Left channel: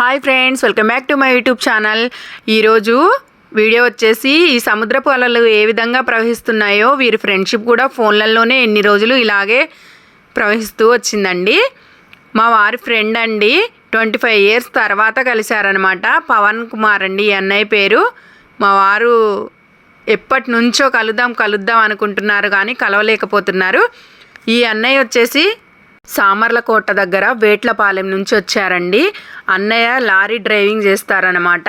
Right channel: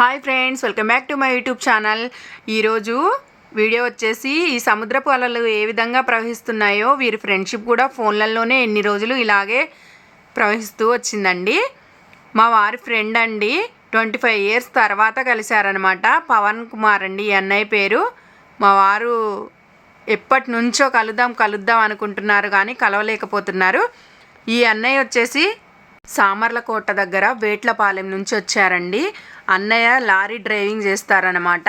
Hi friends welcome back to my YouTube channel ఈరోజు video వచ్చేసి ఈ సముద్రపు అలలు ఏ విధంగా ప్రవహిస్తున్నాయో వీరి ఫ్రెండ్షిప్ కూడా ఫోన్లలోనే ఎన్ని రోజులు ఇలాగే ప్రవహిస్తూ వచ్చిందండి. మా వారి ఫ్రెండ్ అండి ట్వంటీ ఫైవ్ ఇయర్స్ తర్వాత కలిశారనమాట పవన్ కుమార్ అండి ఈ అన్నయ్య పేరు. మా వారు ఎప్పటి నుంచో కలుద్దాం కలుద్దాం అనుకుంటున్నారు కానీ కలవలేకపోతున్నారు. ఈ అన్నయ్య వచ్చేసి సామర్లకోట దగ్గర వేట్లపాలెం నుంచి వచ్చారండి. అన్నయ్య లారీ డ్రైవింగ్ చేస్తారనమాట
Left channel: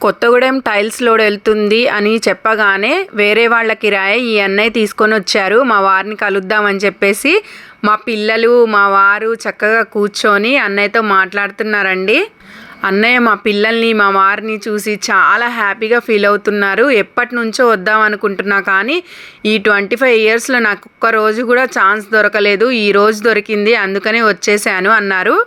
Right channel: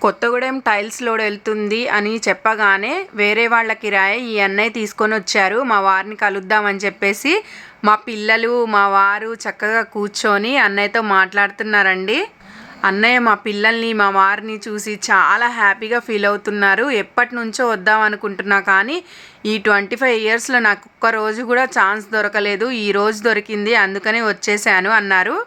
కొత్తగూడెం టైల్స్ లోడ్ వెళ్తుంది అని చెప్పగానే వేరే వాళ్ళ కిరాయి ఈ అన్నయ్య తీసుకొని వచ్చారు. మా వారిని కలుద్దామని చెప్పేసి మా పిల్లలు మా వారు చక్కగా కూర్చొని అన్నయ్యతో మాట్లాడుతున్నారండి. అన్నయ్య మా పిల్లల్ని మా వారిని చూసి చాలా హ్యాపీగా ఫీల్ అవుతున్నారు. ఎప్పటి నుంచో వద్దాం అనుకుంటున్నా కానీ ఈ ట్వంటీ ఫైవ్ ఇయర్స్లో నాకు ఒక్క రోజు కూడా ఛాన్స్ దొరకలేదు. ఈ రోజు దొరికింది అందుకనే వచ్చేసాను అన్నారు.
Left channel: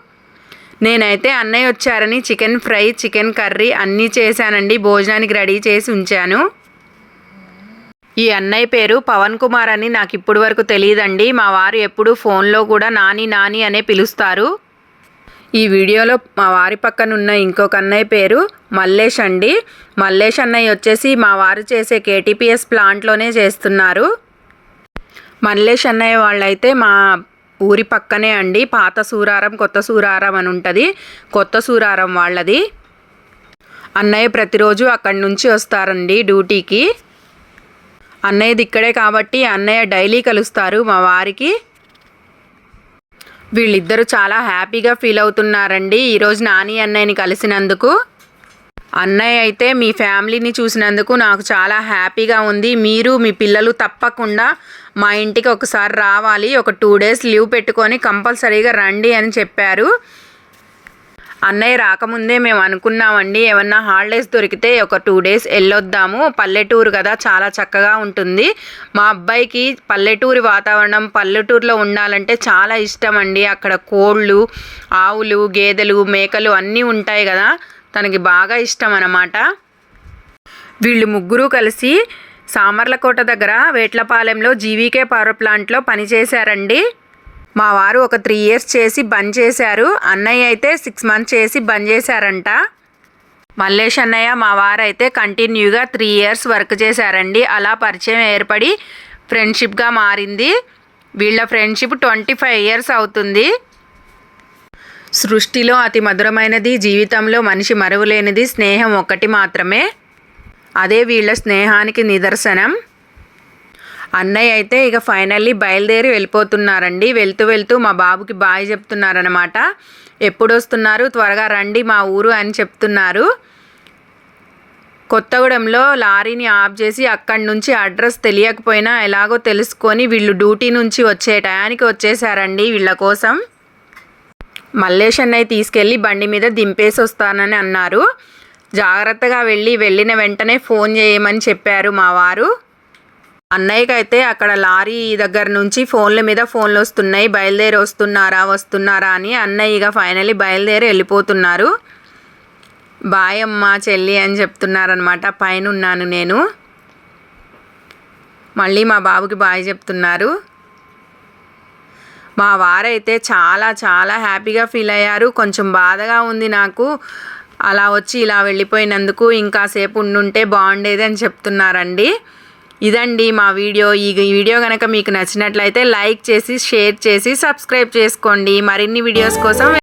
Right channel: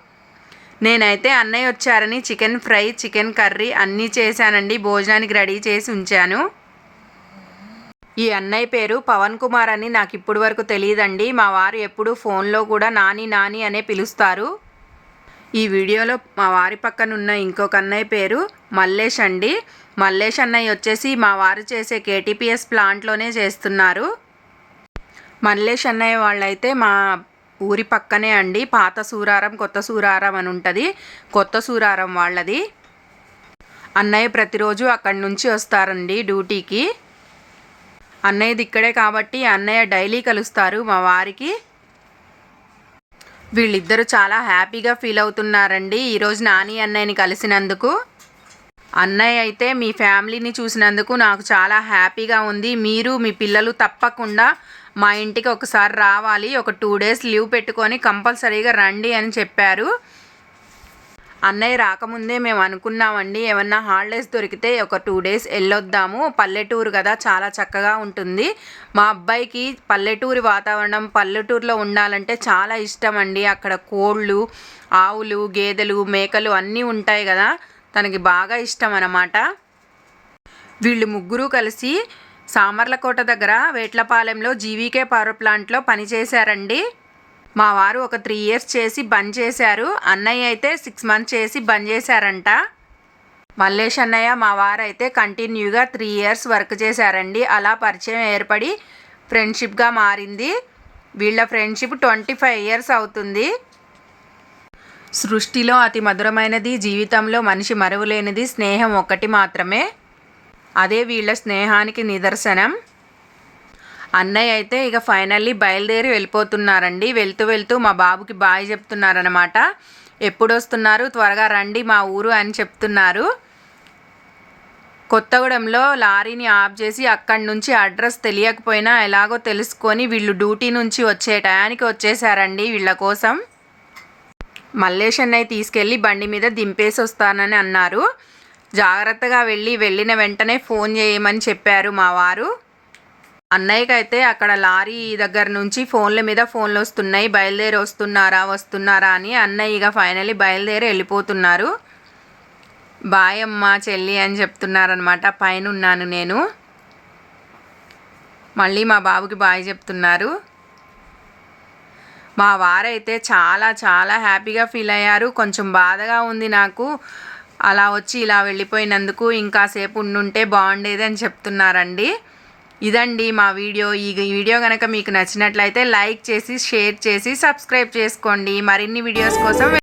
నేనైతే అన్నయ్య వచ్చారని చికెన్ ఫ్రై చికెన్ కర్రీ అన్నీ చేశానండి. భోజనానికి రెడీ చేసి ఉంచాను. ఈ అన్నయ్య పేరు పవన్ కుమార్ అని నాకు ఇప్పటి వరకు తెలియదండి. మా వారు ఎప్పుడూ ఫోన్లో కూడా నాని నాని అనే పిలుస్తారు. ఈ వీడియోలో మా వారి పక్కన ఉన్న ఇంకొక అన్నయ్య పేరు మల్లేష్ అండి. మల్లేష్ అన్నయ్య వచ్చేసి మా వారు చేసే కేటీపీఎస్ ప్లాంట్లోనే చేస్తున్నారు. మల్లేష్ అన్నయ్య వాళ్ళైతే మా ఊరి పక్కనే అండి. పాత సూరారం కొత్త సూరారం అని ఉంటుంది. కొత్త సూరారం వాళ్ళది. అన్నయ్య ప్రతిరోజు అక్కడి నుంచి వస్తారండి డ్యూటీకి. అన్నయ్యది ఇక్కడే కాబట్టి అన్నయ్య డైలీ కలుస్తారు మా వారికి. వీళ్ళిద్దరూ చాలా హ్యాపీగా ఫీల్ అవుతున్నారండి. ఈరోజు నాని అన్నయ్యని కలిసినందుకు. అన్నయ్య అయితే మీ ఫ్యామిలీని చూసినందుకు నాకు చాలా హ్యాపీగా ఉంది. మీరు మీ పిల్లలు తప్పకుండా మా ఇంటికి ఒకసారి రావాలి. ఒక టూ డేస్ లీవ్ పెట్టుకొని కంపల్సరీగా రండి అని చెప్పారు. అన్నయ్య రాకముందే మేము అనుకున్నామండి ఏమన్నా హాలిడేస్ దొరికితే ఒక టూ డేస్ వెళ్ళొద్దాము. పల్లెటూరు కదా చాలా చక్కగా ఉంటుంది. మా అబ్బాయికి పల్లెటూరి వాతావరణం పల్లెటూరులో ఉండాలంటే చాలా ఇష్టం అండి అక్కడ కోళ్ళు ఆవులు గేదెలు మేకలు అన్నీ ఉంటాయి కదా తనకి బాగా ఇష్టం అన్నమాట. వీళ్ళు ముగ్గురు కలిసి సామర్లకోట దగ్గర వేట్లపాలెంలో జీవీకే పవర్ ప్లాంట్లో పనిచేశారండి. మా వారు ఒక త్రీ ఇయర్స్ చేసి బంద్ చేశారు. అన్నయ్య అయితే సిక్స్ మంత్స్ చేసి బంద్ చేశారంట. మల్లేష్ అన్నయ్య మా వారు అయితే కంటిన్యూగా త్రీ ఇయర్స్ వర్క్ చేశారండి. అలా పరిచయం ఏర్పడి ఫ్రెండ్షిప్గా మారింది. వీళ్ళ ఫ్రెండ్షిప్ ట్వంటీ ఫైవ్ ఇయర్స్ అవుతుంది. సృష్టిలో అతి మధురమైనది జీవితంలో మనిషి మరువలేనిది స్నేహం ఒక్కటి మాత్రమే. అదే వీళ్ళ స్నేహానికి నిదర్శనం. అన్నయ్య అయితే ఇక ఫైనల్లీ బయలుదేరి వెళ్ళిపోతున్నారండి. వెళ్తూ వెళ్తూ మా బాబుకి బాయ్ చెప్తున్నారనమాట ఎప్పుడు వస్తున్నారు త్వరగా రండి మా ఊరు అని చెప్తున్నారు. కొత్తగూడెంలో లారీని ఆఫ్ చేసి అక్కడి నుంచి అడ్రస్ తెలియకపోయినా ఎలాగో తెలుసుకొని వీళ్ళు డ్యూటీ నుంచి వచ్చే టయానికి వచ్చేసారండి వీళ్ళ కోసం. మల్లేష్ అన్నయ్య తీసుకెళ్ళి బండి మీద దింపేసి వస్తానని అన్నారు. జాగ్రత్తగా వెళ్ళి వెళ్ళిన వెంటనే ఫోన్ చేయమని చెప్పారు మా వారు. అన్నయ్యకి అయితే అక్కడ లారీ దగ్గర నుంచి ఫోన్ల మీద ఫోన్లు వస్తున్నాయి బయలుదేరి వస్తున్నారా వస్తున్నారా అని అన్నయ్య ఇక ఫైనలీ బయలుదేరి వెళ్ళిపోతున్నారు. బాయ్ అమ్మ చెల్లి అని చెప్తున్నారనమాట పైన ఉన్నాను నేను. మళ్ళీ మా బాబుకి బాయ్ చెప్తున్నారు. మా వారైతే చాలా చాలా హ్యాపీగా ఫీల్ అయ్యారు. కొంచెం బాధగా ఉంది నాకు. అలా వచ్చి ఇలా వెళ్ళిపోయినందుకు ఇంకాసేపు ఉండుంటే బాగుండేది అని చెప్తున్నారండి. ఇదండి మా వీడియో. ఈ వీడియో కనుక మీకు నచ్చినట్లయితే లైక్ చేసి షేర్ చేసి సబ్స్క్రైబ్ చేసుకోండి. మరిన్ని వీడియోస్ కోసం